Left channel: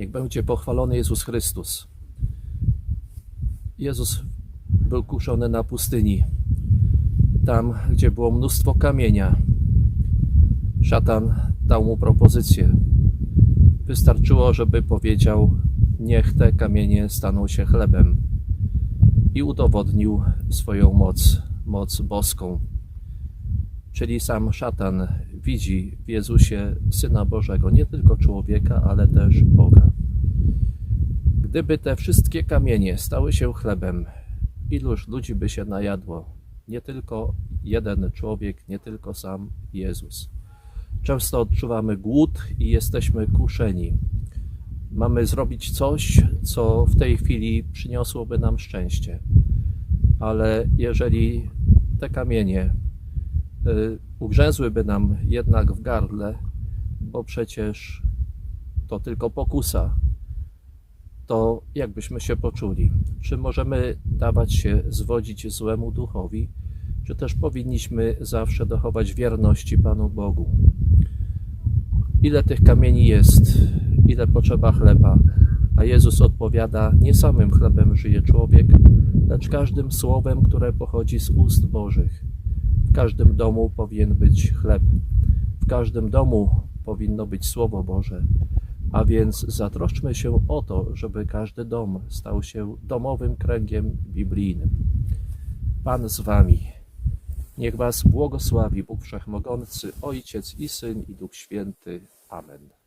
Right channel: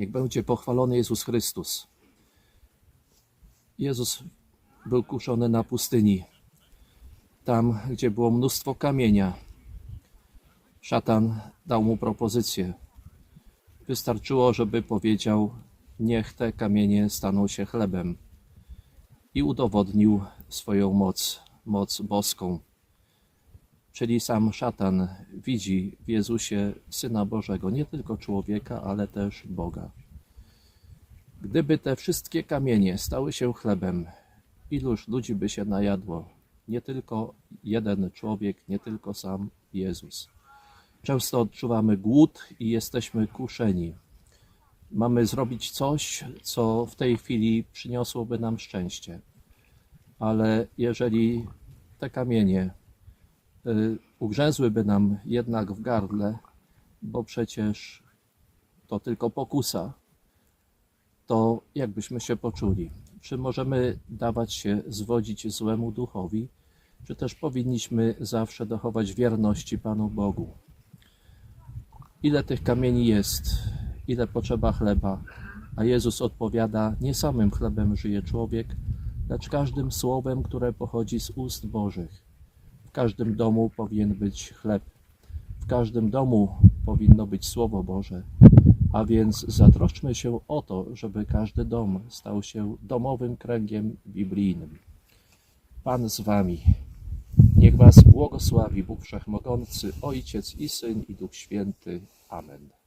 Niech będzie pochwalony Jezus Chrystus. Jezus był kuszony na pustyni, tam gdzie było mnóstwo kamienia. Szatan dał mu propozycję. Wystarczyło, żeby powiedział: Niech te kamienie staną się chlebem. I udowodnił swoją moc, moc boską. Czyli sam szatan widzi w Jezusie Syna Bożego, nie tylko człowieka, ale też Boga. Gdyby te wszystkie kamienie stały się chlebem, iluż ludzi by się najadło? Nie tylko jeden człowiek, nie tylko sam Jezus. Często odczuwamy głód i jesteśmy kuszeni. Mamy zrobić coś, co w tej chwili przyniosłoby nam szczęście. Ale jeżeli te kamienie ugrzęzłyby nam jednak w gardle, bo przecież to tylko pokusa, to jak byśmy się poczuli? Czy możemy dawać się zwodzić złemu duchowi, czy też powinniśmy zawsze dochować wierności Panu Bogu? Ile tych kamieni jest, ile potrzeba chleba? A Jezus odpowiada: Nie samym chlebem żyje człowiek, lecz każdym słowem, które pochodzi z ust Bożych. W każdym domu powinien być chleb, w każdym domu powinno być Słowo Boże. A więc zatroszczmy się o to, żeby każdy dom stał się domowym kręgiem biblijnym. Pan z Wami. Niech Was błogosławi Bóg Wszechmogący, Ojciec i Syn i Duch Święty. Amen.